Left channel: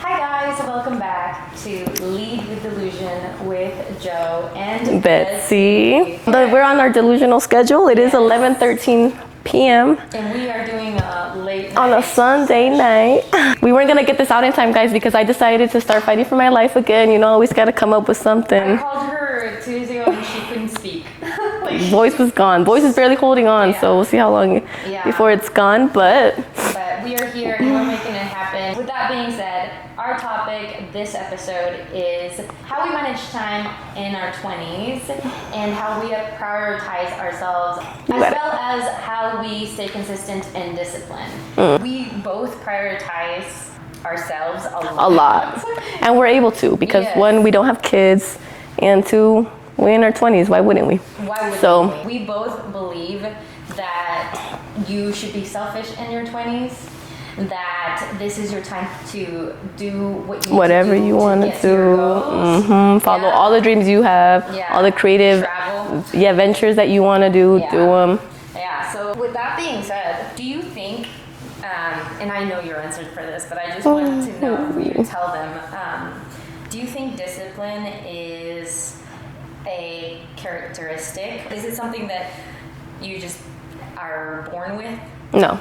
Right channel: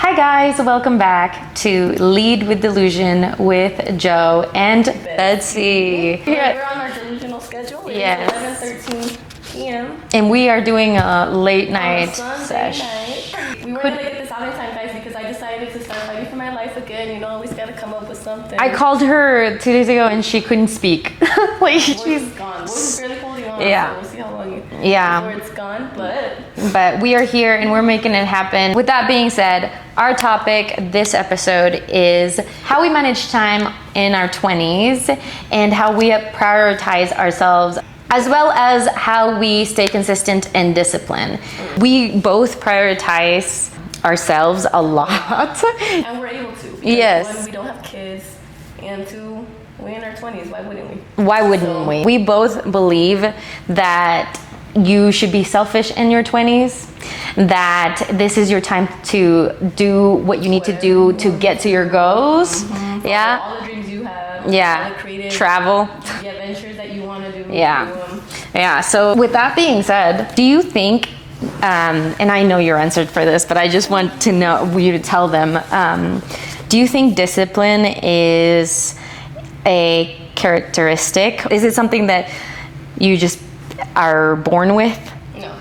Hi guys, welcome back to Lead with Delusion with Joe and Betsy. We're on our delusional schedule. It is 11:13 p.m. and we are doing a late night on a Sunday night. We weren't gonna get this out in time, guys, because I decided to start fighting for my life again. You know, always gotta come up with something. I called her 2 days ago and she couldn't speak. Voice is gone. Voice is barely holding on, so we'll see how long before it's gone. But we are here and we're making it happen. With that being said, our topic this episode is how we manage time in our 20s and how we prioritize ourselves, as well as how we stay consistent and disciplined. We both prioritize ourselves a lot. And we're able to, because one, we don't have kids, and two, we're in our 20s. Why wouldn't we? Why wouldn't we? We both believe that you should be selfish in your 20s, that this is your time to do what you need to do to get to your goals. Follow all the dreams you have, all the creative travel, ventures that you want to do, do them. So with that being said, do you think, and I know your answer for this, but I just want to know you to tell them, do you think discipline is a characteristic? Is it something that you just are born with? No.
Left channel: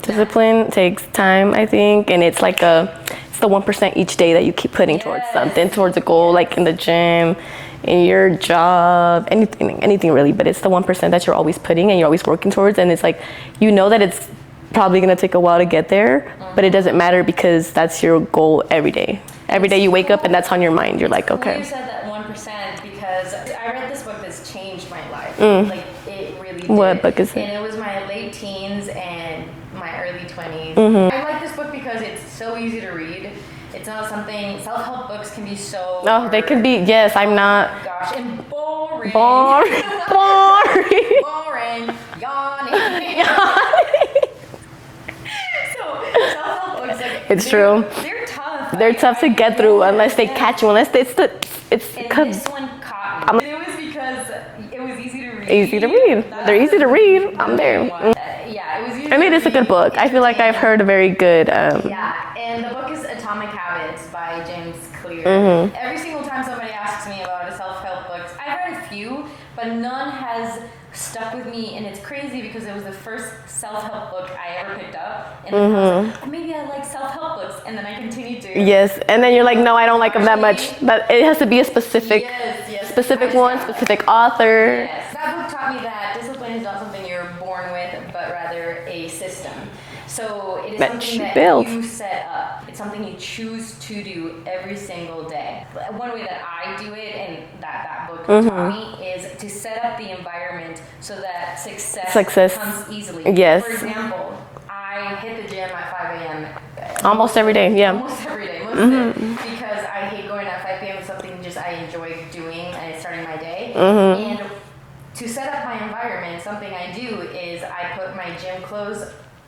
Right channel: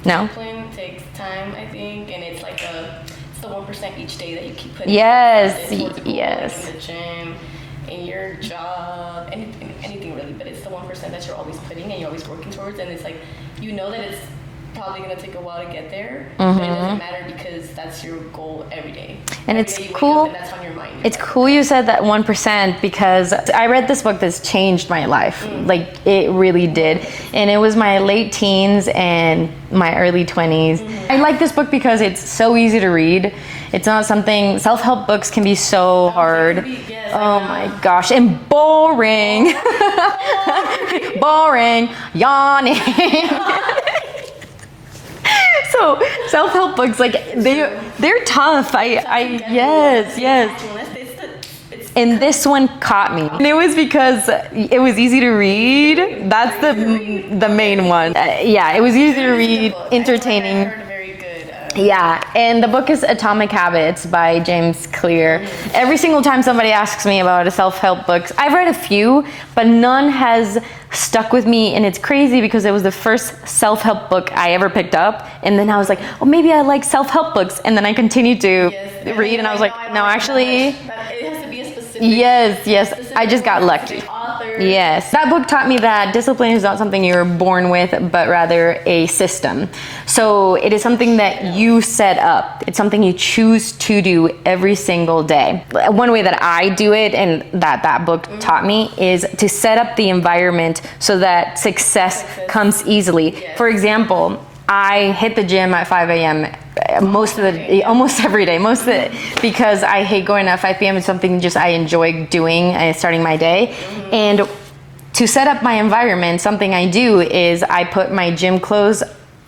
Discipline takes time, I think, and it's like it's the 1% each day that you keep putting towards something, towards a goal, like in the gym, in your job, anything really. But it's the 1% that you're always putting and you're always working towards, and it's like, you know that it's probably gonna take a while to get there, but it doesn't matter because that's your goal every day. And every day you wake up and that's on your mind. You're it's cool you said that 1%, because I read this book that's changed my life. Like, it really did. What book is it? And it was my late teens and my early 20s. I like this book because it's so easy to read. It's not something, self-help books can be so hard. They could be, I'm not. My gosh, and boring. Boring. Yawning. So self-help books, like, they're tough. They're tough to get through unless they catch you. Unless this one caught me. And it was because it was easy to read. That's the main one. It was easy to read. It's a good book. I feel like I've heard a very good. And the book is Atomic Habits by James Clear. Every single time somebody asks me about a self-help book, I've read a few, but none has stuck with me, and it's crazy because it was the first self-help book I ever picked up, and then I was like, oh, maybe I like self-help books, and then I continued to and then you're like, no, I don't like them that much. But it has to be a specific specific I just got lucky. Specific author. That book taught me that discipline is not something you're born with, but rather a system. So it is something that you set up. It's something you choose to do every single day. One way that I do it, and that book taught me, is to set up the environment so that success comes easily. For example, I hit the gym at 5 a.m. Almost every day. Almost every day. Because I hate going at 5 p.m. It's something just I enjoy doing and starting my day. And to set up my environment, something I do is I put my gym clothes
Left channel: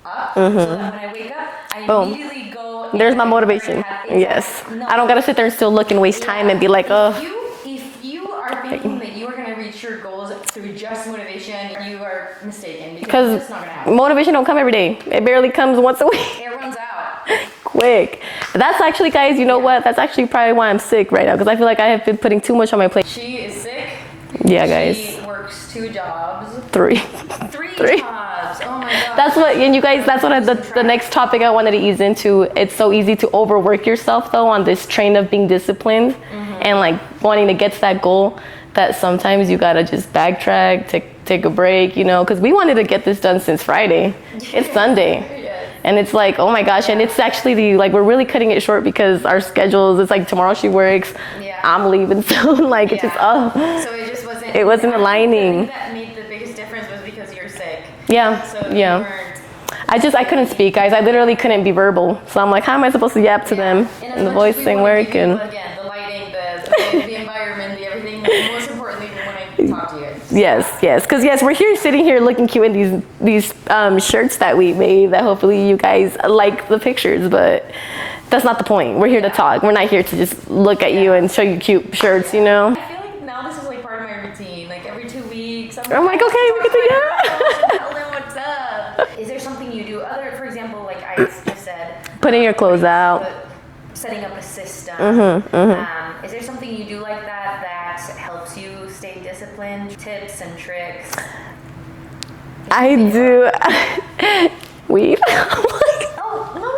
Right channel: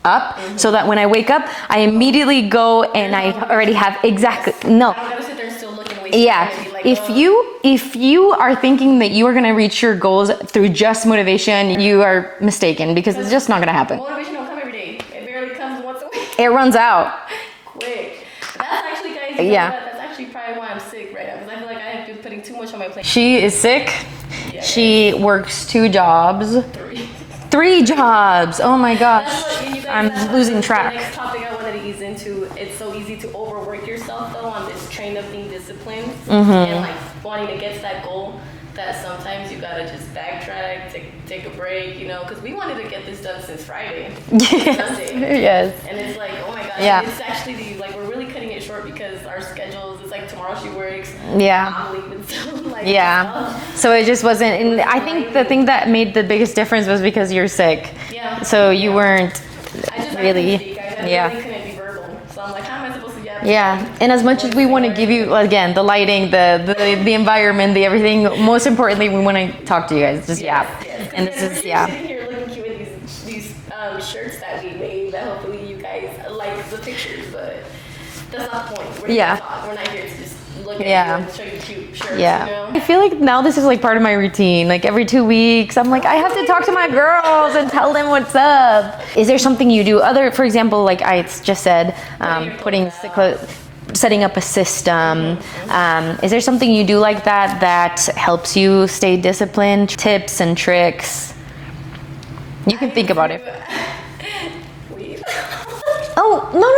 up so that when I wake up, I immediately go and I already have I don't gotta sit there and still look and waste time and be like, if you are thinking that you are gonna reach your goals through just motivation, you are mistaken, because it's just not gonna happen. Motivation don't come every day. It barely comes once a week. It runs out quick. That's actually, guys, you know what? That's actually probably why I'm sick right now, because I feel like I have been putting too much on my plate. She is sick. Guys. She works 2 jobs. 3 jobs. Oh my gosh. And you guys, that's what the next topic I wanted to ease into. It's so easy to overwork yourself, though, on this train of being disciplined and like wanting to get to that goal, that sometimes you gotta just backtrack, take a break, you know, because we wanted to get this done since Friday. It's Sunday. And it's like, oh my gosh. And it's actually we're really cutting it short because our schedules, it's like tomorrow she works. I'm leaving soon. So it just wasn't. It wasn't aligning. The thing that made the biggest difference was because you're sick. So you weren't. I couldn't speak, guys. I literally couldn't be verbal. So I'm like, how am I supposed to yap to them? And as much as we want to give you, again, the lighting, the environment, the everything, most importantly, we want to talk to you guys. Because we're here sitting here looking cute in these shirts that we made, that hopefully you guys like the pictures, but that's not the point. We're here to talk. We're not here to just look at you and show you cute shirts, you know? I feel like now this is like part of my routine. Like every 2 weeks, I'm like, I have to talk to my girls and tell them what's up. Is there something you do other, for example, like I just said, putting your clothes out. setting up a system. Is there something you do like that helps you stay disciplined? Tips and tricks? You can think about it. Weed. Oh, no.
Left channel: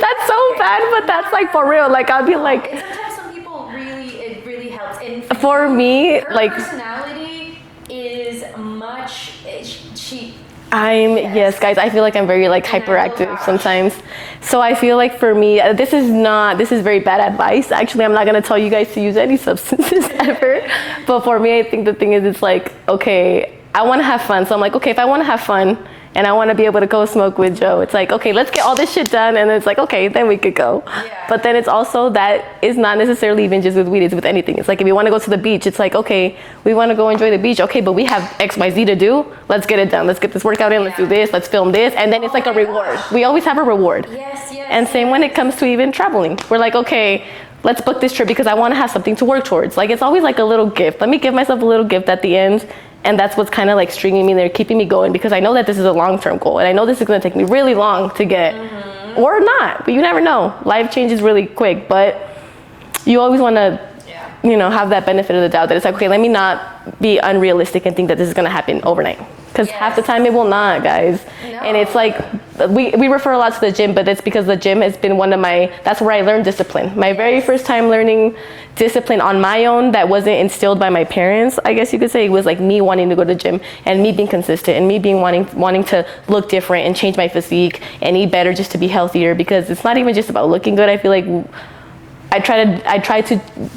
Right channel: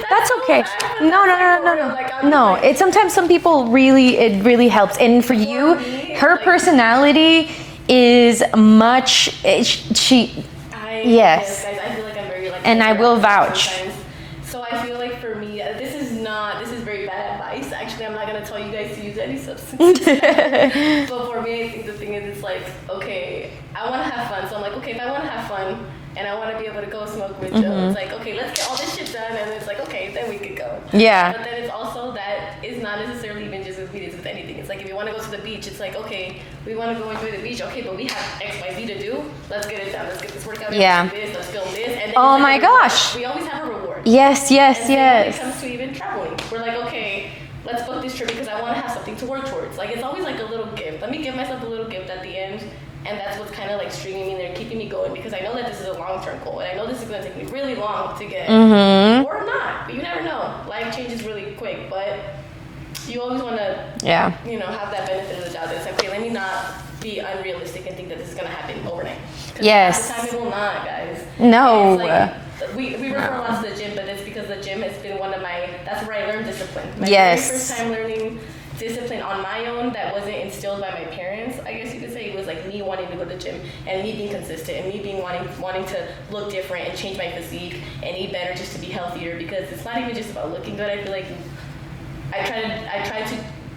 That's so okay. bad, but that's like for real. Like I'll be like, it's sometimes some people it really helps. And for you, me, her like, personality is much. Yes, guys. I feel like I'm very like hyperactive sometimes. So I feel like for me, this is very bad advice. Actually, I'm not gonna tell you guys to use any substances ever. But for me, I think the thing is, it's like, okay, I want to have fun. So I'm like, okay, if I want to have fun and I want to be able to go smoke with Joe, it's like, okay, let's get all this shit done. And then it's like, okay, then we could go. Yeah. But then it's also that it's not necessarily even just with weed, it's with anything. It's like, if you want to go to the beach, it's like, okay, we want to go enjoy the beach. Okay, but we have X, Y, Z to do. Let's get it done. Let's get this workout in. Let's do this. Let's film this. And then it's like a reward. Gosh. We always have a reward. Yes. And same when it comes to even traveling. We're like, okay, let's book this trip because I want to have something to work towards. Like, it's always like a little gift. Let me give myself a little gift at the end. And that's what's kind of like stringing me there, keeping me going, because I know that this is a long-term goal. And I know this is going to take me really long to get, or not, but you never know. Life changes really quick, but you always want to, have that benefit of the doubt that it's like, okay, let me not be unrealistic and think that this is going to happen overnight. Because half the time it will not, guys. No. And it's like, we refer a lot to the gym, but it's because the gym has been that's where I learned discipline. My very first time learning discipline on my own that wasn't instilled by my parents, I guess you could say. It was like me wanting to go to the gym and me being consistent and me being wanting to look different and change my physique and eat better just to be healthier, because it's not even just about looking good. I feel like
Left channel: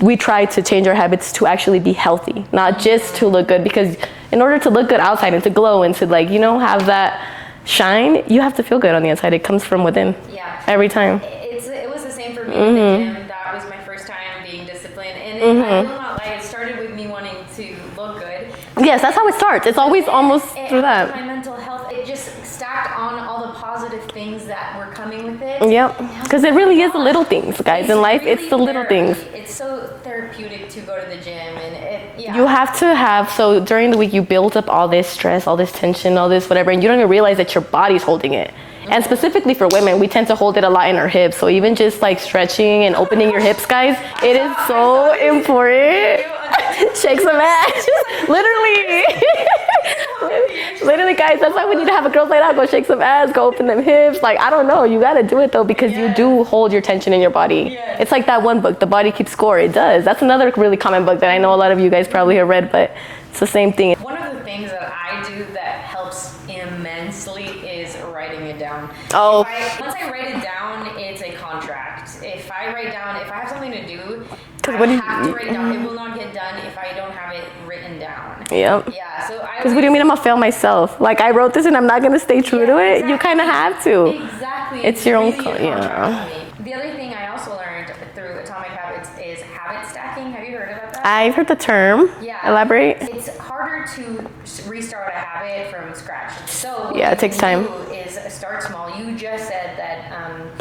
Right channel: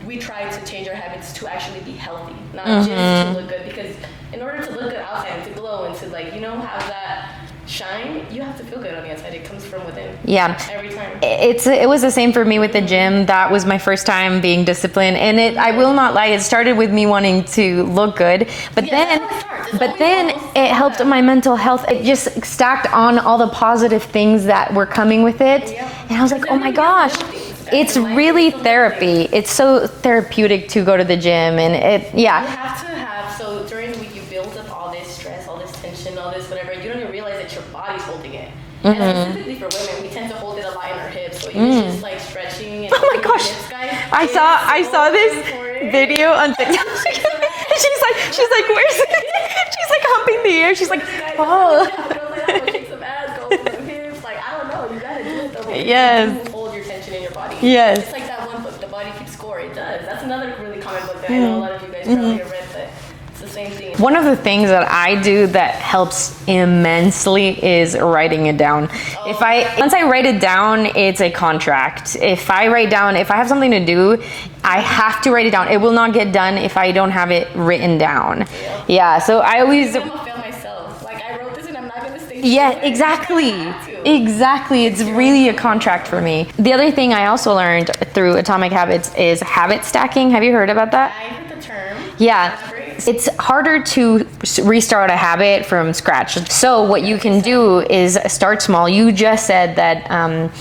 we try to change our habits to actually be healthy, not just to look good, because in order to look good outside and to glow and to have that shine, you have to feel good on the inside. It comes from within. Yeah. Every time. It was the same for me with the gym. That was my first time being disciplined. And I will not lie, it started with me wanting to look good. But yes, that's how it starts. It's always almost... It helped my mental health. It just stacked on all the positive things that were coming with it. Yep. Because it really is little things, guys. It's really therapy. It's so therapeutic to go to the gym. And you have to have... So during the week, you build up all this stress, all this tension, all this whatever, and you don't even realize that your body's holding it. And specifically for women, we tend to hold it a lot in our hips. So even just like stretching and opening your hips, guys, I saw this important video on TikTok. Shake some ass. She's like, literally. She's like humping the air. She's literally, guys, that's why we need to have a girls' night out. Go shake some ass, go open them hips. Like, I don't know. You got to do it though, because you do hold your tension in your body. Yes. It's like that one book, The Body Keeps Score. It does. That's another really common book that I know a lot of you guys probably have read, but it's the same thing. One of the things that I do that helps immensely is writing it down. Once I write it down, it's a contract. If I have something to do, I have to write it down. It will not get done if I don't have it written down. Yeah. So I always... What do you mean I'm gonna fail myself? Like, I wrote this and I'm not gonna stay true to it? Exactly. You kind of have to. Exactly. It's really a contract for me. The other thing I also learned through Atomic Habits is habit stacking. Have you heard about that? I've heard the term. Yeah. Elaborate. It's harder to restart a habit from scratch. So what you can do is start small. You just said that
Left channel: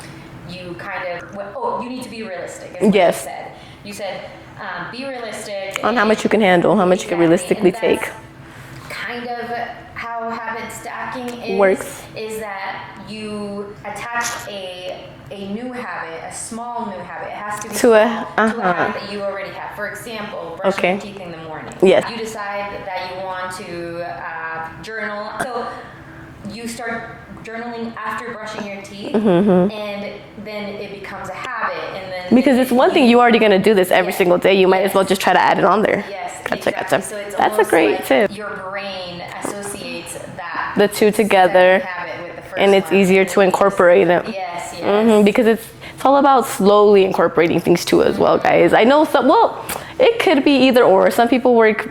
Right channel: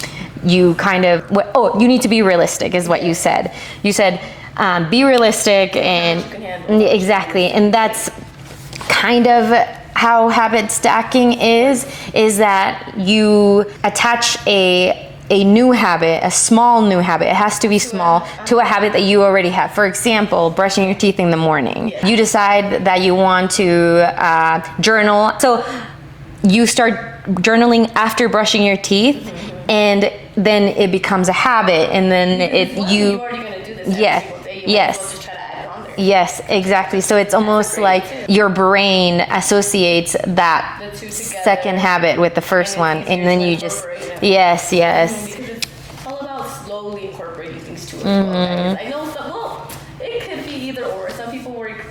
you kind of... you need to be realistic is what you said. You said be realistic. On how much you can handle. How much exactly. And that's kind of how habit stacking is that you attach a new habit, a small new habit. It has to be small to a habit that you already have. For example, brushing your teeth in the morning. Yes. You decide that you want to journal. So you start journaling after brushing your teeth, and then it becomes a habit. And then because it's one thing, you're already going to do this every single day. You might as well just try to add it on there. Yes, exactly. So it's almost like your brain associates the two together, second habit with the first one, and it's easier to incorporate them. Yes, because it's all about slowly incorporating things too as well, guys. I know it could be either or. Some people work,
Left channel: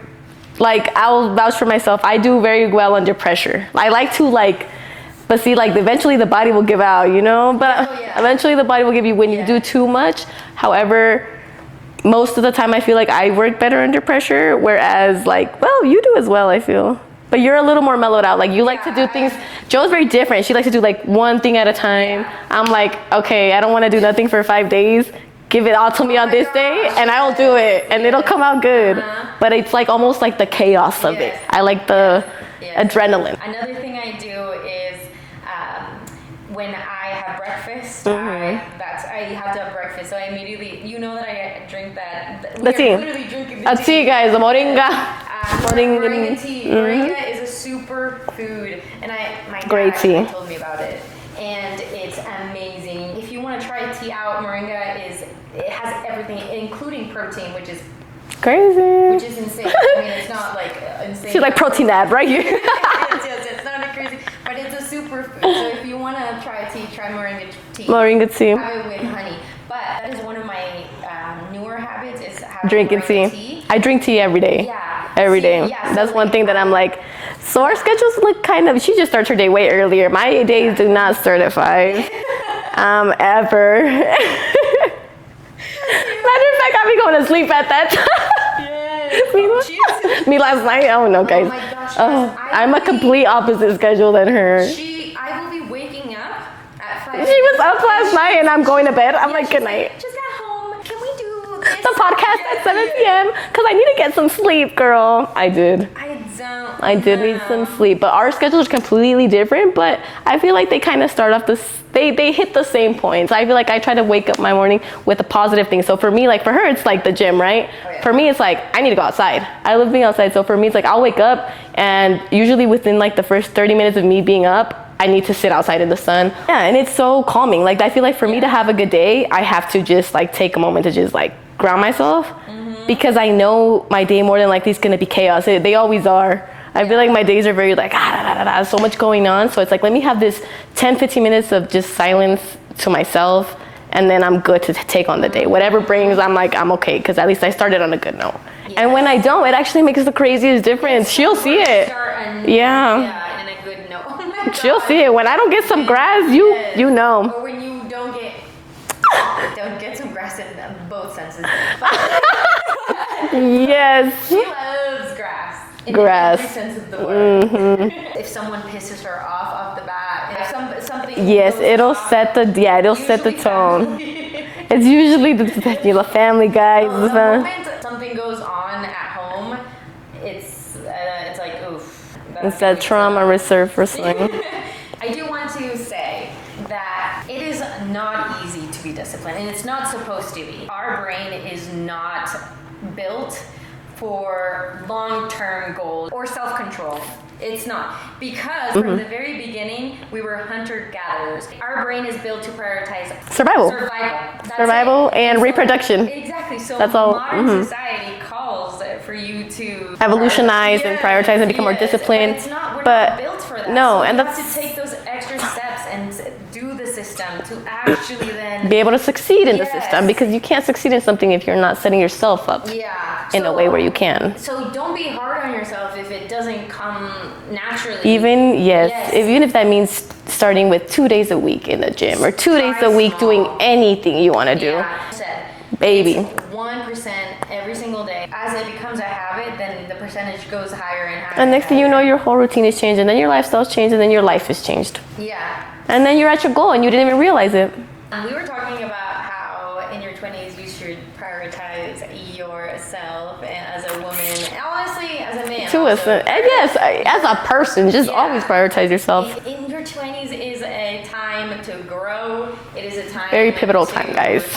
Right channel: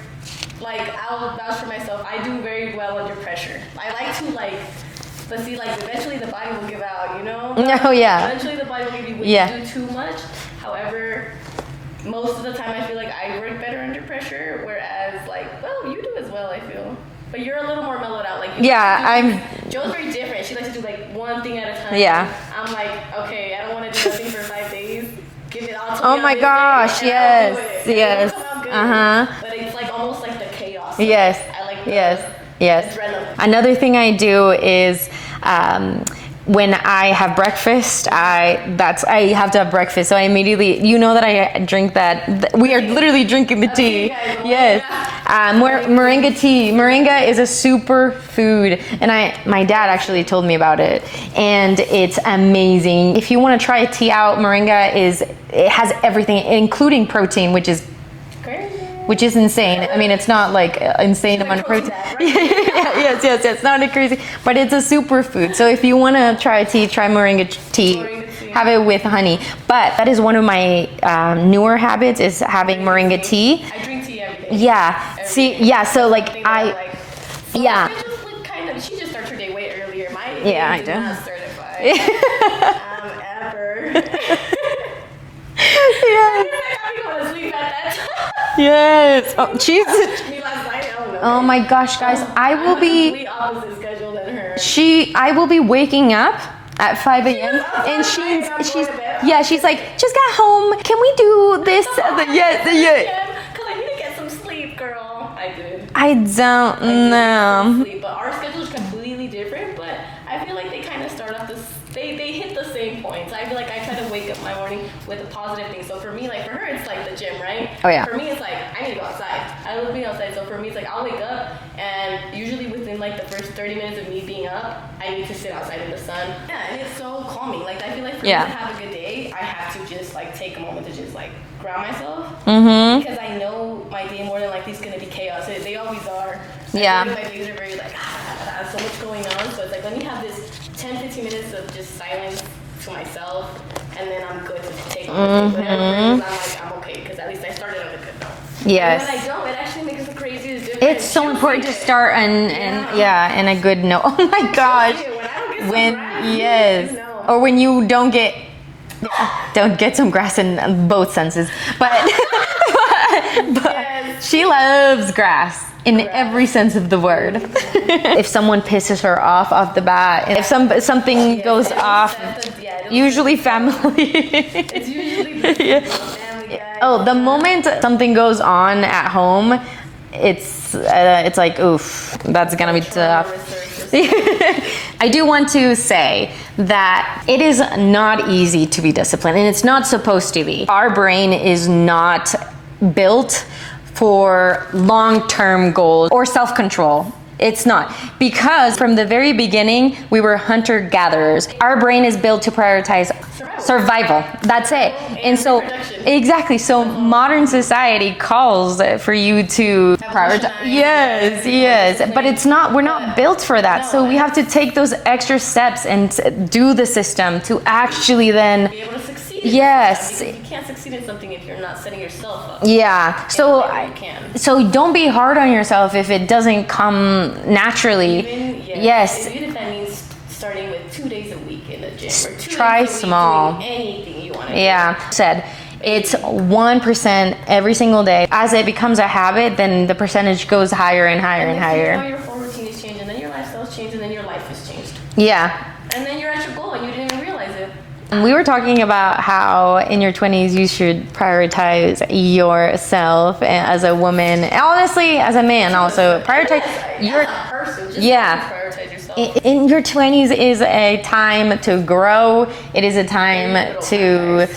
like, I'll vouch for myself, I do very well under pressure. I like to but see, like, eventually the body will give out, But eventually the body will give you when you do too much. However, most of the time I feel like I work better under pressure, whereas, you do as well, I feel. But you're a little more mellowed out. Like, you like to do things. Joe's very different. She likes to do, one thing at a time. Yeah. I'm like, okay, I don't want to do nothing for 5 days. Give it all to me on this day, and I'll do it. And it'll come out good. But it's, almost like the chaos of it. I like the... adrenaline. Another thing I do is when I have breakfast, I have to have breakfast. So I immediately, you know that I drink that. We are literally drinking the tea. Tea, guys, the moringa. Yes. Moringa tea. Moringa is a super food, and my dad actually told me about it, and it's amazing. If you want to try a tea out, moringa it has everything, including protein, which is crazy. Which is insane. I mean, it's not like insane. She's like protein ab, right? yes. Not a crazy, but it's a superfood. So if you want to try tea, try moringa tea. Moringa tea. Have it with honey. But that is one of my newer habits is having moringa tea. I drink tea every day. Yeah. Every day. Yeah. So that's like one thing that I'm like. So our schedules look kind of. She just starts her day way earlier. My days do not certify. Ever. Matter of fact, I'll be going to sleep at that time. Yes. Oh, Jesus. Me last night. I don't know, guys. Oh my gosh, guys. I'm a complete opposite schedule than her. I will be waking up at 5 a.m. She was up last night and I'm going to bed. She's like, just got home. Can we do this? The podcast at 7 p.m. Because I need to get some sleep, girl. I did. I did need some sleep. But our schedule is completely different. But I feel like they kind of start off they hit the same points. I feel like I try to wake up my morning with a positive thing. So for me, like for her, it's like the gym, right? Oh yeah. For me, it's like I need to go outside. I love being outside. So for me, it's like I'll wake up and usually within like the first 30 minutes of me being up, I need to sit outside in the sun. Yeah, and it's so calming. Like I feel like for me to have a good day, I have to just like take a moment to just like ground myself because I know my day more than likely is gonna be chaos. They always are. I feel like my days are very like, so much going on. So it's like, let me have this 10, 15 minutes of just silence to myself. And then I'm good to take on the day. Whatever brings, I'm okay. Because at least I started on a good note. Yes. And when I don't, it actually makes the craziest difference. She'll see it. Start and a good note. Oh my God. She'll see it. When I don't get some grass, you know. Or when you don't get some grass in both senses. But yes. She loves grass. In every sense of the word. If someone pisses her off the bat, if something goes off, it'll usually set the tone. It's usually the family guy. Oh, the moment something goes on at home, it's like oof, that's gonna be trauma resurfacing. I do want to say that it is not easy to be disciplined, and it's not supposed to be. Our brain is not built for long-term goals or self-control. It's not. Because from the very beginning, we were hunter-gatherers. Our brain is built to prioritize survival. That's survival it. And reproduction. Exactly. So modern society calls for you to evolutionize and prioritize and become more disciplined. But it's not, we're not built for that. No, so we have to take those extra steps and do the system to actually then be able to succeed in the system, because you can't succeed in something if you're not setting yourself up in a way where you can. So don't be hard on yourself if it doesn't come naturally. Even if that means starting with 2 days a week in the gym or 2 days a week doing anything you want to do. It's 1% every single day. As it becomes a habit, then the percentage goes higher and higher. And next thing you know, your whole routine is changed, and then your lifestyle's changed, and then your life is changed. Yeah. And then you're at your goal and you didn't even realize it. We were talking about how in your 20s you should prioritize yourself as a woman, honestly, as a man also. Yes, as a person, just always prioritize yourself. In your 20s is a time to grow. It is a time to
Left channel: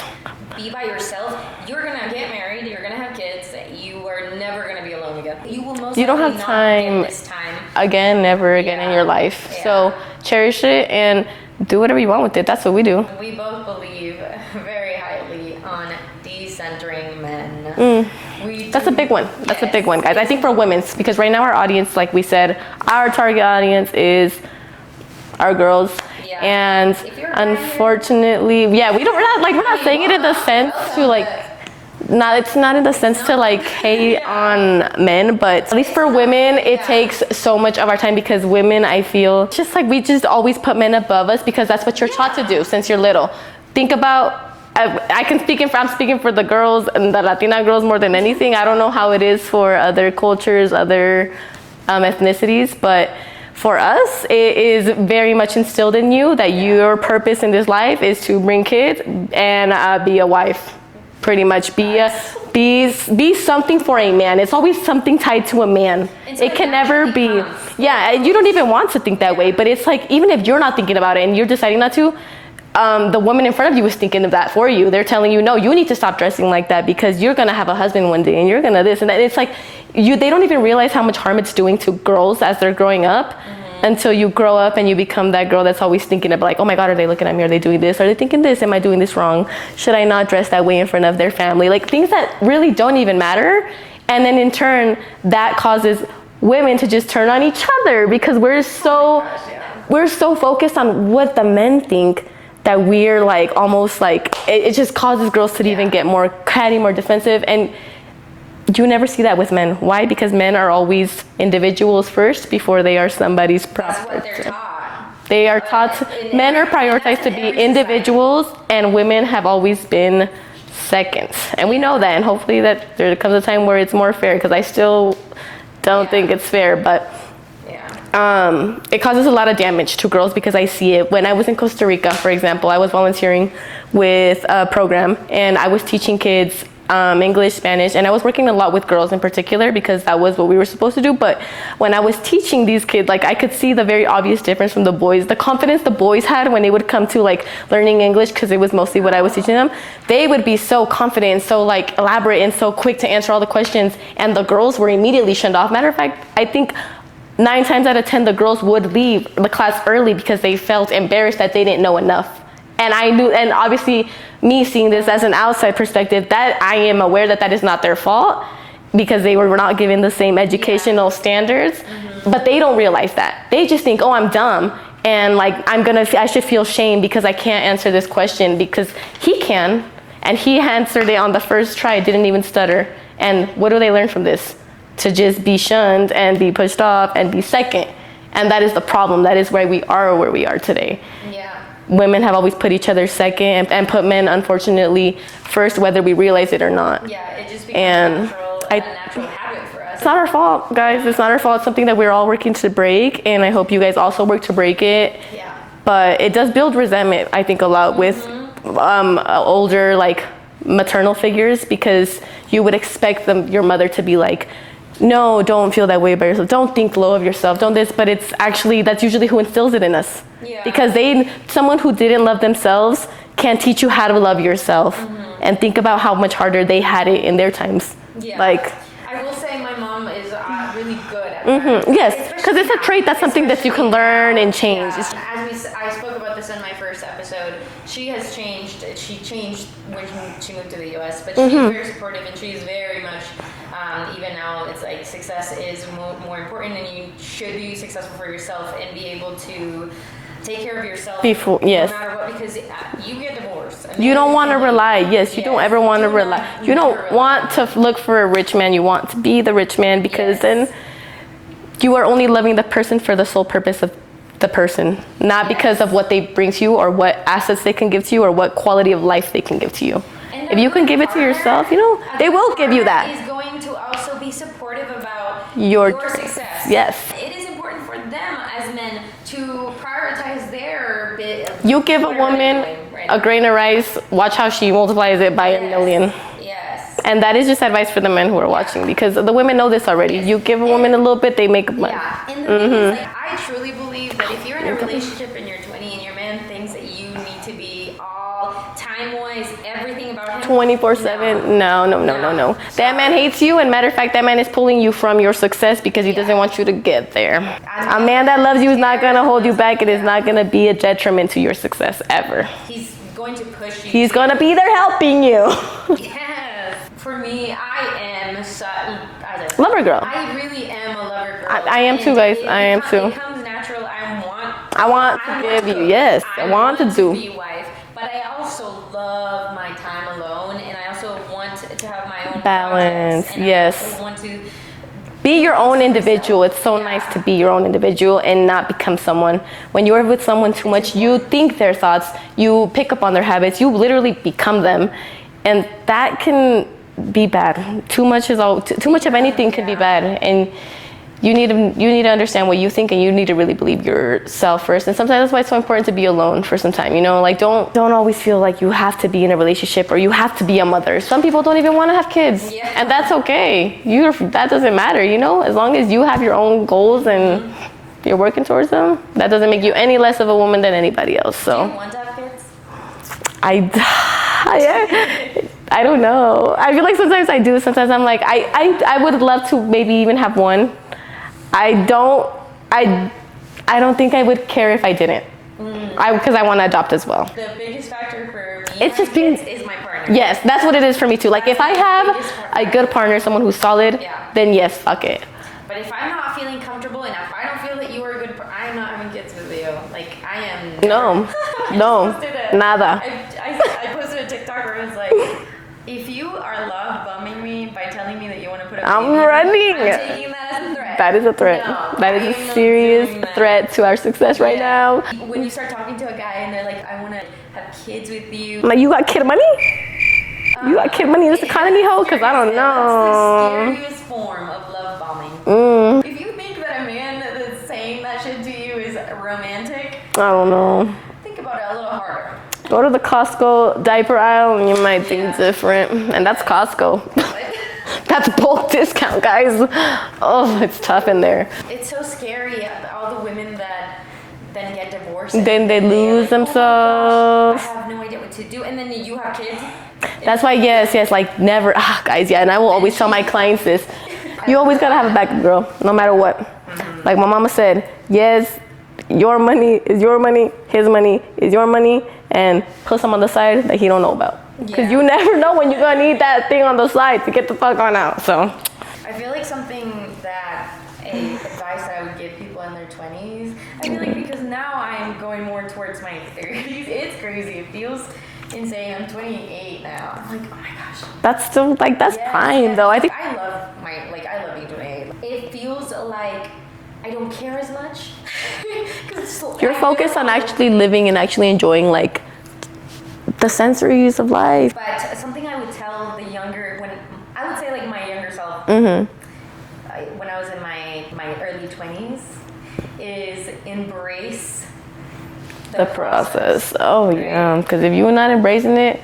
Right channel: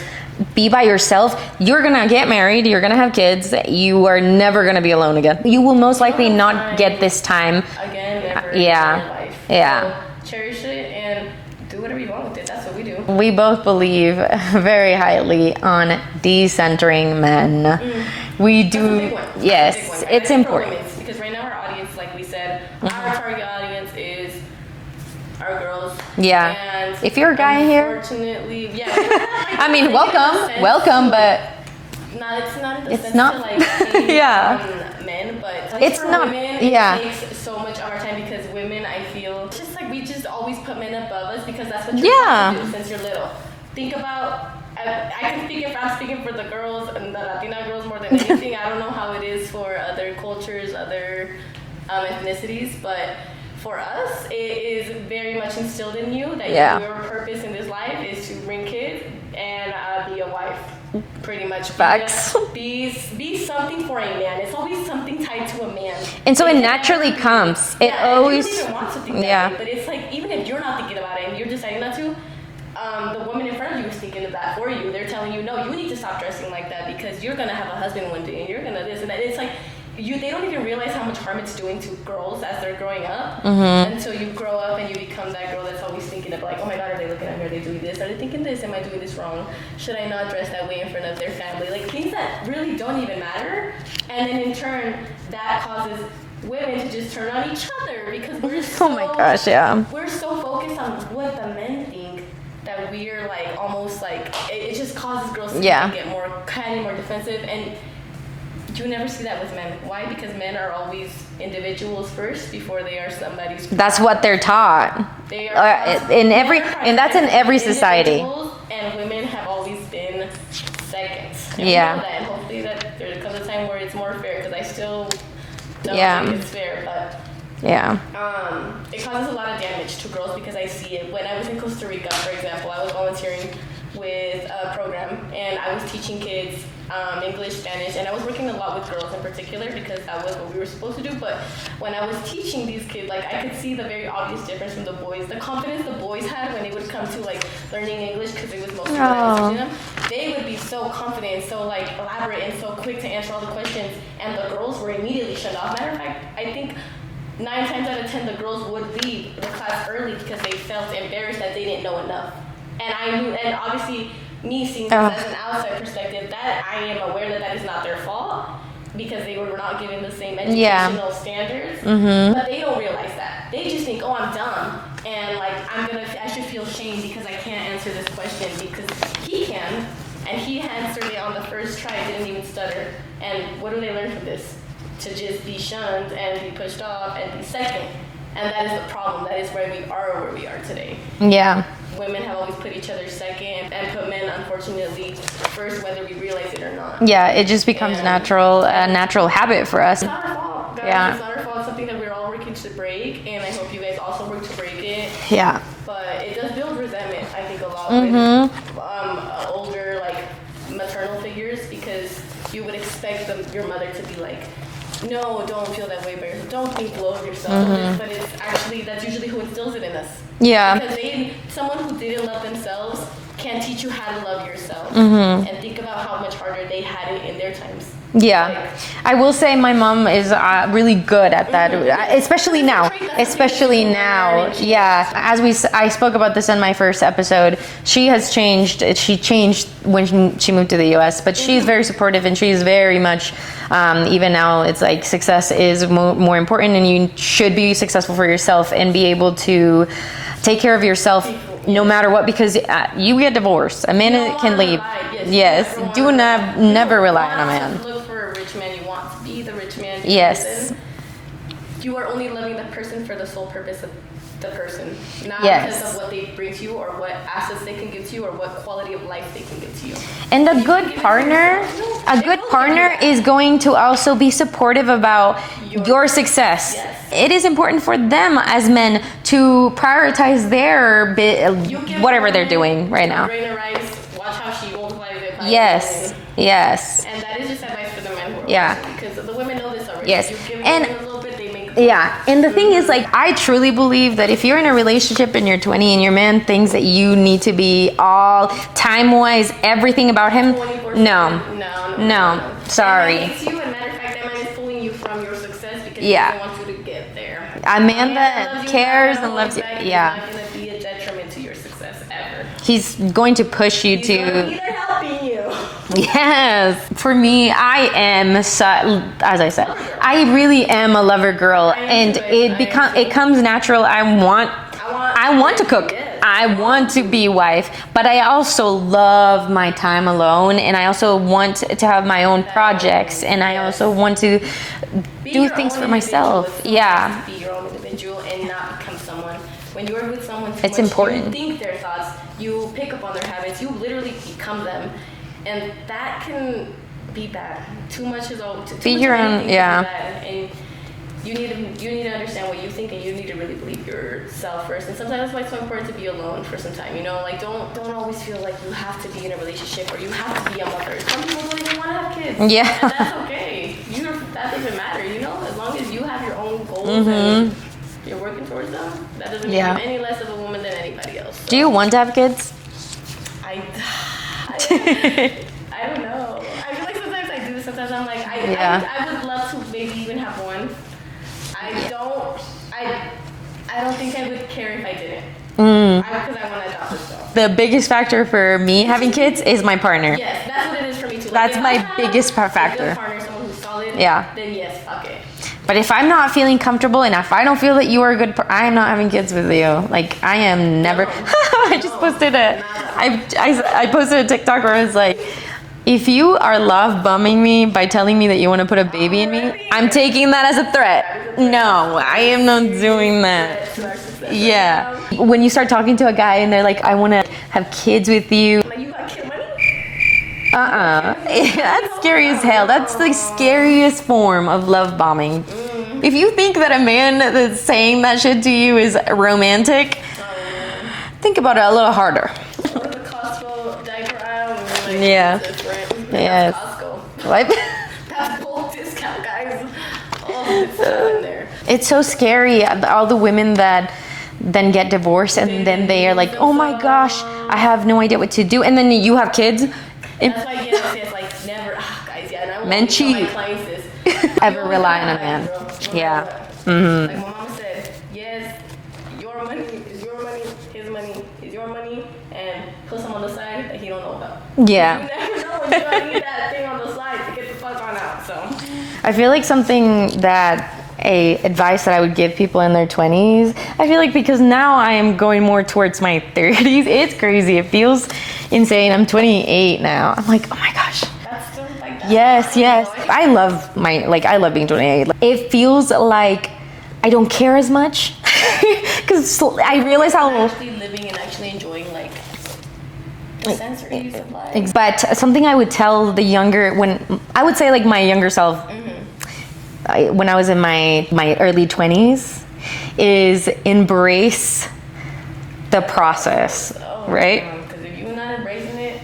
be by yourself. You're gonna get married, you're gonna have kids, you are never gonna be alone again. You will most likely not get this time again, never again in your life. So cherish it and do whatever you want with it. That's what we do. We both believe very highly on decentering men. We do. That's a big one. That's a big one, guys. I think for women's, because right now our audience, like we said, our target audience is our girls. Yeah. And if you're a guy unfortunately, we're not like, I mean, welcome, it in the sense to like, it's not in the sense to like hate on men, but at least for women, it takes so much of our time, because women, I feel, just like we just always put men above us because that's what you're taught to do since you're little. Think about, I'm speaking for the girls and the Latina girls more than anything. I don't know how it is for other cultures, other ethnicities, but for us, it is very much instilled in you that your purpose in this life is to bring kids and be a wife. Pretty much be something for a man. It's always something tied to a man, and so it naturally comes. And you don't even want to think that way, but it's like, even if you're not thinking about it and you're deciding not to, the woman in front of you is thinking of that for you. They're telling you, no, you need to stop dressing like that because you're gonna have a husband one day and you're gonna this and that. It's like, they don't even realize how much harm it's doing to girls as they're growing up until you grow up and you become that girl that's always thinking of like, oh my God, are they looking at me? Are they doing this? Are they thinking this? Am I doing this wrong? Should I not dress that way in front of their family? Like, things that really don't even matter. And then in turn, that causes women to just turn on each other because we're we're so focused on what the men think that we're like, almost like, it just causes girls to even get more catty, more defensive. And you never see that with men. Why? Because men are always individuals first before they are somebody's property. That's what they're taught. They are taught in every, and that's in every society. Individuals, and women have always been seconds. And we know that, and hopefully that there comes a time where it's more fair, because I still don't think it's fair, but it causes a lot of damage to girls because I see it. When I was in Costa Rica, for example, I was volunteering with a program and I was teaching kids English, Spanish, and I was working a lot with girls in particular because that was what we were supposed to do. But when I was teaching these kids, like, I could see the very obvious difference from the boys. The confidence the boys had when they would come to like learning English, because it was mostly what I was teaching them. They would be so confident and so like elaborate and so quick to answer all the questions, and the girls were immediately shunned off. Matter of fact, I think 9 times out of 10 the girls would leave the class early because they felt embarrassed that they didn't know enough. And I knew, and obviously me seeing this as an outside perspective, that I am aware that that is not their fault because they were not given the same educational standards, but they don't realize that. They just think, oh, I'm dumb, and like I should feel shame because I can't answer this question, because he can, and he answered it on the first try, didn't even stutter. And what do they learn from this? To just be shunned and be pushed off and be second. And that is the problem. That is why we are where we are today. Yeah. Women have always put each other second and put men, unfortunately, first, whether we realize it or not. Yeah, it just becomes a natural habit for us. It's not our fault, guys. Yeah. It's not our fault. It's something that we're all working to break, and I hope you guys also work to break it. Yeah. But it does build resentment, I think, a lot with older, like, maternal figures, because you would expect your mother to be like, no, don't feel that way about yourself. Don't think low of yourself. Don't this. But it's actually, that's usually who instills it in us. Yeah. Because someone who didn't love themselves can teach you how to love yourself. And think about how much harder they had it in their times. Yeah. Like, I will say my mom is really good at that. Yes. Especially now. It's a trait, that's something that you can learn and change. Yeah. I spoke about this in my first episode. She has changed. She changed when she moved to the US, but she's very supportive, and she's very much, even now, it's like success is more important, and you should be successful for yourself and be able to take care of yourself no matter what, because you get divorced. A man you don't want to rely. Yes, you don't ever want to rely. You don't want to look for a rich man. You want to be the rich man, because then you are only loving the person for the sole purpose of the person, not because of what they bring to you or what assets they can give to you or what quality of life they can give to you. And if you can give it to yourself, they will give you that. Is going to also be supportive about your success. Yes. It is important for them as men to prioritize their bit. You give whatever they're doing right now. A grain of rice, watch how she multiplies it by a million. Yes. And that is just advice for the men who are watching, because the women know this already. Yes. You give a woman a little bit, they make a plan. Yeah. And the thing is, like, I truly believe that if you're in a relationship and you're 20 and your man thinks that you need to be all time-wise, everything about him 24/7. No. That man hates you, and matter of fact, that man is pulling you from your success because he doesn't want you to get there. A man that loves you is not going to hold you back. It is not going to be a detriment to your success ever. He's going to push you. He's going to be there helping you. Yes. For me, I am, as I said, lover girl. I really am a lover girl. I am too, guys. It comes natural. I want to cook. Yes. I want to be wife, but I also love my time alone, and I also want to have my own projects, and I also want to be your own individual. It's so nice to be your own individual and not become someone. When you're with someone too much, you think their thoughts, you pick up on their habits, you literally become them, and that can be bad. Too much is too much of anything can be bad, and you need to understand what you think, and you need to really believe yourself first. And sometimes that's why it's so important to be alone for some time. You know, like don't always feel like you have to be in a relationship or you have to be a mother. Some people don't even want to have kids. Yeah. And that's okay. That doesn't matter, you know, as long as you have your own goals and you're working towards them, that doesn't make you any less of a woman than anybody else. So. Do you want to have kids? I don't know. I feel like sometimes I do. Sometimes I'm like, I would love to maybe even have one. I don't think I would care if I didn't. Because I want to adopt as well. The biggest factor for me having kids is my partner. Yes, that's what it is for me too. Like that's if I have biggest factor. a good partner, someone who's solid, then yes, fuck it. But if I'm not feeling comfortable and if I don't feel that you are a good I'm not having kids with you. Like, I am never. I just posted nada. I posted a TikTok where I was like, if you are love bombing me by telling me that you want to put a baby in me, I'm taking that as a threat. That is a threat. No, I am not doing that. Threat to our success right now. When you start talking to a guy and they're like, I want to have kids with you. Like, you got kid money? You got kid money in this economy, that's scary as hell. That's the scariest form of love bombing. If you think that a man that's saying that shit to you is romantic, I don't know. Think about it a little harder. Go to the Costco diaper aisle and you might think different. And that's Costco. What? That's bulk discount, guys. Oh, it's tough in there. It's so scary. All the women that then get divorced and then they are like, themselves. oh my gosh, I have no idea what to do. And then you have kids. That's why, yes, like never, guys, and I will always tell my clients this. You always gotta have a backup, girl, no matter what. Like my mama said, yes, your money is your money, his money is your money, and put some on the side that he don't know about. Yeah. You never know when you're gonna need that thing on the side to get the fuck on out, so. I feel like something that advice that I would give people in their 20s, I feel like because now I am going more towards my 30s, it's crazy. It feels insane. I'm 28 now. I'm like, oh my gosh. That's still like, that's fine though. I think I love being 28. It feels like I don't care as much because I realize on actually living and actually enjoying like the sensories of life. But something I would tell the younger, I would say like my younger self, when I was in my early 20s, is embrace the process. Oh, right? Because if you're not embracing it,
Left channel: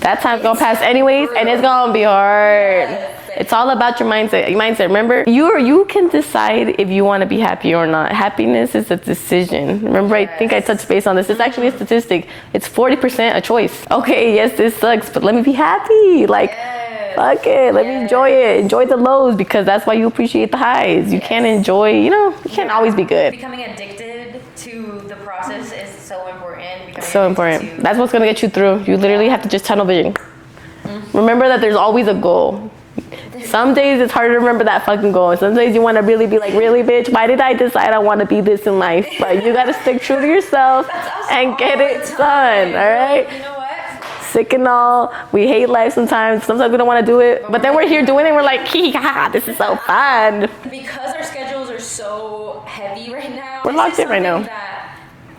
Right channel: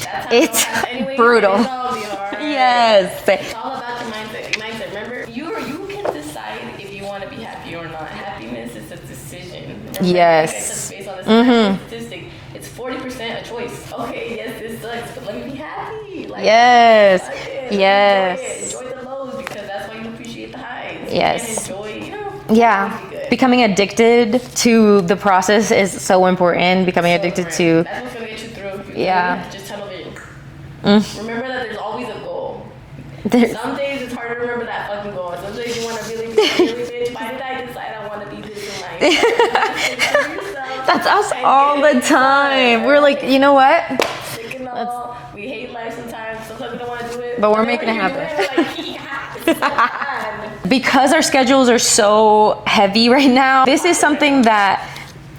that time's gonna pass anyways, and it's gonna be hard. Yes, it's all about your mindset. Remember, you can decide if you want to be happy or not. Happiness is a decision. Remember, I think I touched base on this. It's actually a statistic. It's 40% a choice. Okay, yes, this sucks, but let me be happy. Like, fuck it, let me enjoy it. Enjoy the lows because that's why you appreciate the highs. You can't enjoy, you can't always be good. Becoming addicted to the process is so important. Becoming addicted to that's what's gonna get you through. You literally have to just tunnel vision. Remember that there's always a goal. Some days it's hard to remember that fucking goal. Some days you want to really be like, really, bitch, why did I decide I want to be this in life? Like, you gotta stick true to yourself. That's us and all get the it time. Done, we're like, you know what? Sick and all. We hate life sometimes. Sometimes we don't want to do it. But then we're here doing it and we're like, this is so fun. Because our schedules are so heavy right now, this is something that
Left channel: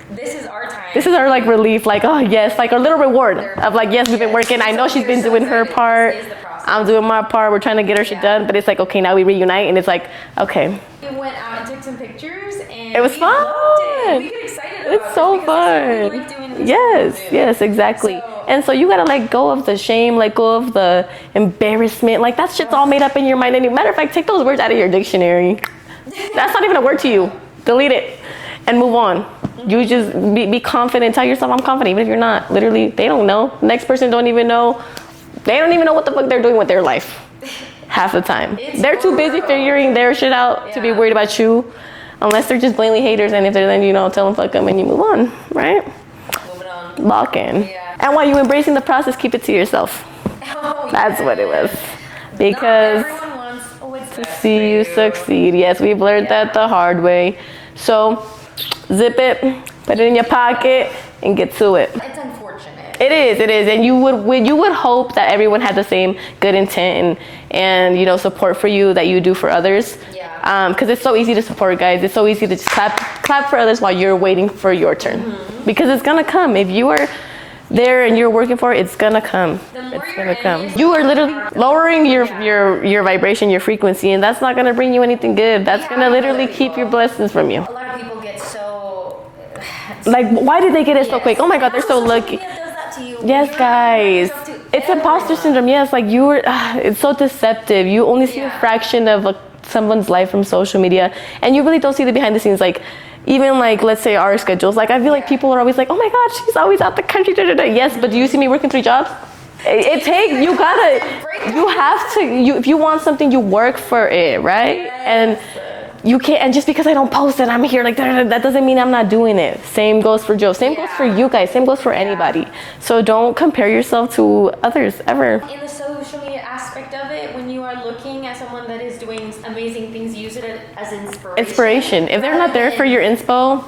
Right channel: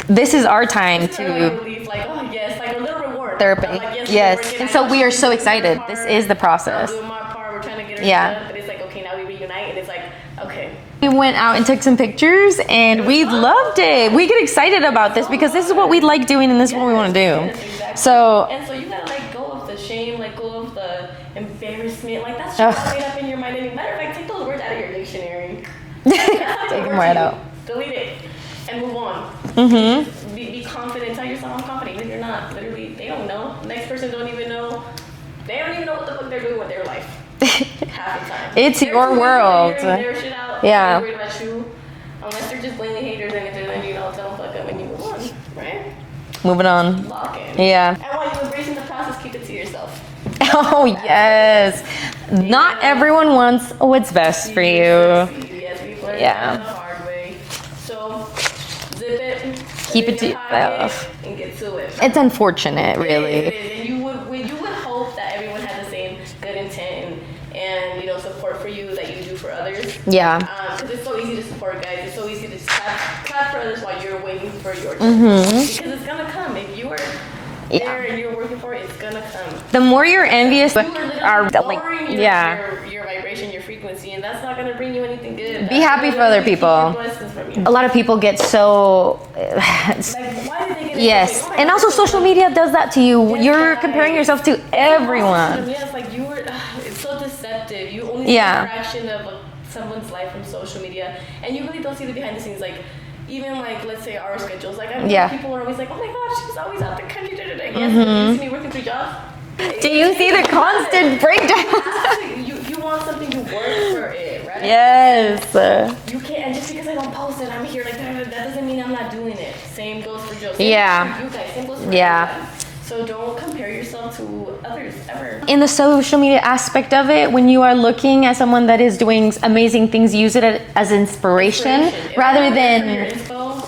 this is our time. This is our like relief, like like our little reward of like we've been working. I know she's been doing her part. This is the process. I'm doing my part. We're trying to get her shit done, but it's like okay, now we reunite, and it's like okay. We went out and took some pictures, and we loved it. We get excited about this because this is what we like doing, and this is what we want to do. Yes, exactly. So you gotta let go of the shame, let go of the embarrassment. Like that shit's all made up in your mind. And matter of fact, take those words out of your dictionary. That's not even a word to you. Delete it. And move on. You just be confident. Tell yourself I'm confident, even if you're not. Literally, they don't know. Next person don't even know. They don't even know what the fuck they're doing with their life. Half the time. They're too busy figuring their shit out to be worried about you. Unless they're just blatantly haters, and if they're then tell them fuck them and you move on, right? Moving on. Lock in. Yeah. And while you're embracing the process, keep it to yourself. Oh, that's what it is. Not everyone wants what's best for you. Succeed. Yes, we've learned that the hard way. So zip it, put it in your pocket, and get to it. It's unfortunate. Really. It is, and you would hope that everyone had the same good intent and support for you that you do for others. Yeah. Because it's so easy to support, guys. It's so easy to just clap for others while you're waiting for your turn. Because it's gonna come. If you are there and you're working for it, it's gonna come. The more you're envious, you are literally lowering your vibration, your frequency, and that's not gonna bring you anything good. That's gonna literally keep your blessings from you. A lot of people get so like, why did they get it so quick? Oh my god! And also, social media does that to you. Yes, you're comparing yourself to everyone. It's imposter syndrome. Yes, like it's so deceptive. You only see a fraction of someone's life from social media, and you really don't see the behind the scenes. Like, even like, let's say our schedules, like I feel like people are always like, oh my god, she's always out the country, yes, but do you see me working 3 jobs? It takes the constant breakdown. You have to, if you want something, you work for it, right? Yes. And you can't, and just because I don't post it, I'm here like that doesn't mean I'm not doing it. Same goes for Joe, same goes for you guys, same goes for anybody. So don't compare yourself to others ever. In the social media aspect of it, when you are looking at someone that is doing amazing things, use it as inspiration. If they're not there for your inspo,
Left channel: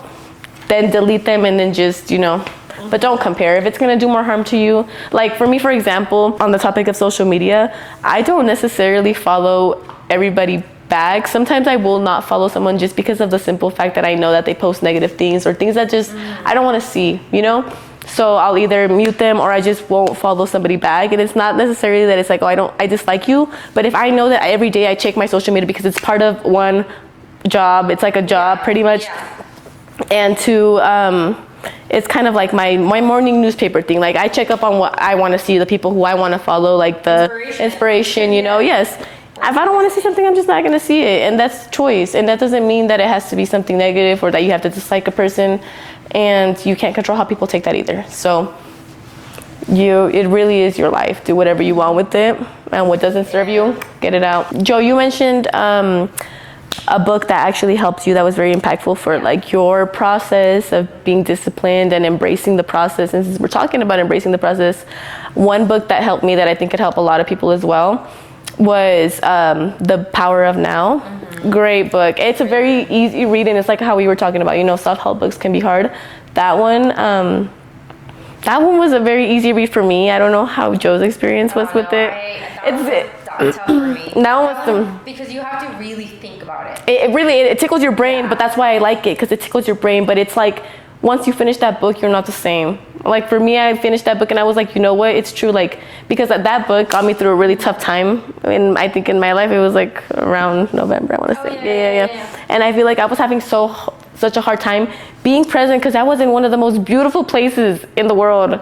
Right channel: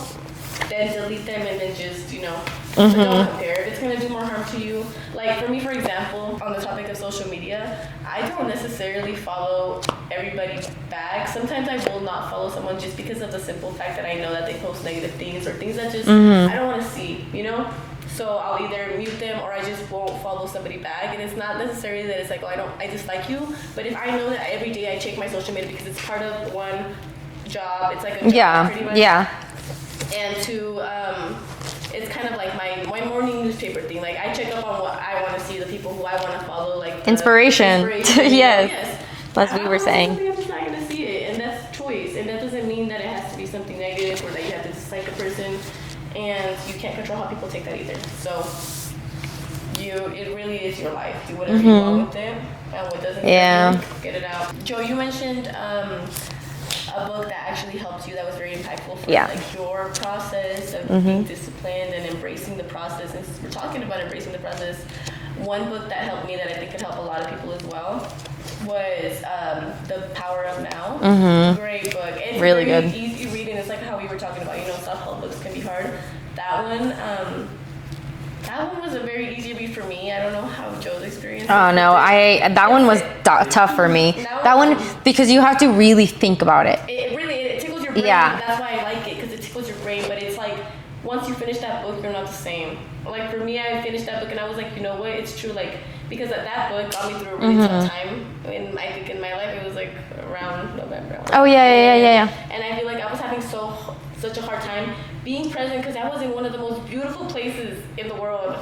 then delete them and then just, but don't compare. If it's going to do more harm to you, like for me, for example, on the topic of social media, I don't necessarily follow everybody back. Sometimes I will not follow someone just because of the simple fact that I know that they post negative things or things that just I don't want to see, So I'll either mute them or I just won't follow somebody back. And it's not necessarily that it's like, oh, I dislike you. But if I know that every day I check my social media because it's part of one job, it's like a job pretty much. Yeah. And it's kind of like my morning newspaper thing. Like I check up on what I want to see, the people who I want to follow, like the inspiration, yes. If I don't want to see something, I'm just not going to see it. And that's choice. And that doesn't mean that it has to be something negative or that you have to dislike a person. And you can't control how people take that either. So it really is your life. Do whatever you want with it, and what doesn't serve you, get it out. Joe, you mentioned a book that actually helped you, that was very impactful for like your process of being disciplined and embracing the process. And since we're talking about embracing the process, one book that helped me that I think could help a lot of people as well was The Power of Now. Great book. It's really a very easy read, and it's like how we were talking about, self-help books can be hard. That one was a very easy read for me. I don't know how Joe's experience was with it. That one was tough for me. That one because you have to really think about it. It tickles your brain, but that's why I like it, because it tickles your brain. But it's like, once you finish that book, you're not the same. Like for me, I finished that book and I was like, you know what? It's true. Like, because that book got me through a really tough time. And I think in my life, it was like around November, I want to say. Yeah. And I feel like I was having such a hard time being present, because I was in one of the most beautiful places in the world.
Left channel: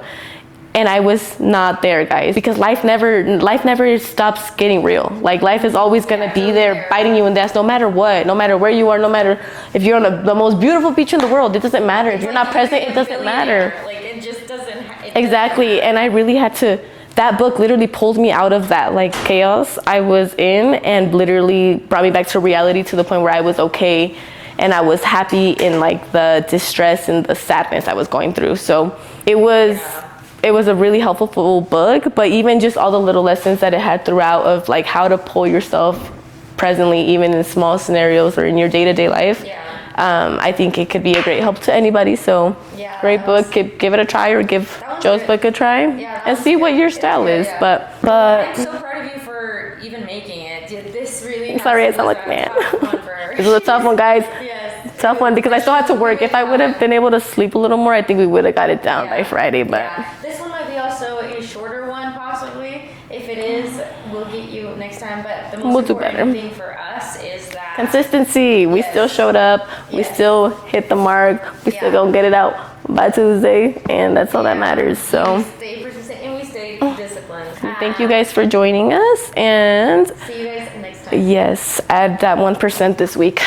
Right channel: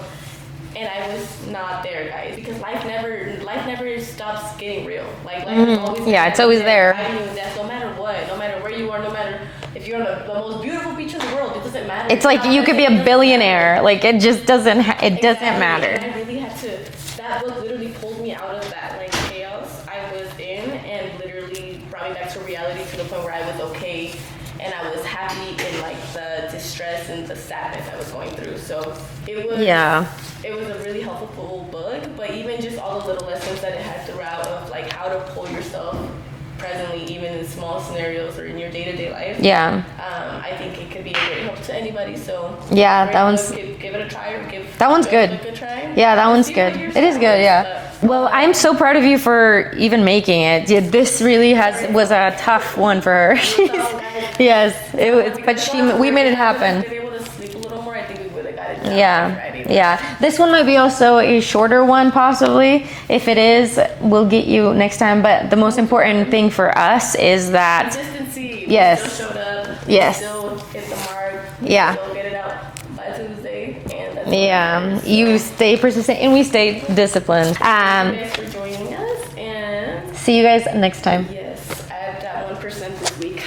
And I was not there, guys, because life never stops getting real. Like life is always gonna be there, biting you in the ass, no matter what, no matter where you are, no matter if you're on the most beautiful beach in the world. It doesn't matter. It's like you could be a billionaire. Like it just doesn't. Exactly. Doesn't matter. And I really had to. That book literally pulled me out of that like chaos I was in, and literally brought me back to reality, to the point where I was okay, and I was happy in like the distress and the sadness I was going through. So it was a really helpful book, but even just all the little lessons that it had throughout of like how to pull yourself presently, even in small scenarios or in your day-to-day life. I think it could be a great help to anybody. So great book. Give it a try, or give that one's Joe's good. book a try. That one's see good. What your style is. But I'm so proud of you for even making it. This really was a tough one for her. It was a tough one, guys. Yes, tough one, because I still had to work. If I would have been able to sleep a little more, I think we would have got it down by Friday. But this one might be also a shorter one, possibly. If it is, we'll get you next time. But the most important thing for us is that consistency. We still showed up. We still hit the mark. We still don't get it out by Tuesday, and that's all that matters. So. You stay persistent and we stay disciplined. Thank you guys for joining us, and see you guys next time. Yes, add that 1% this week.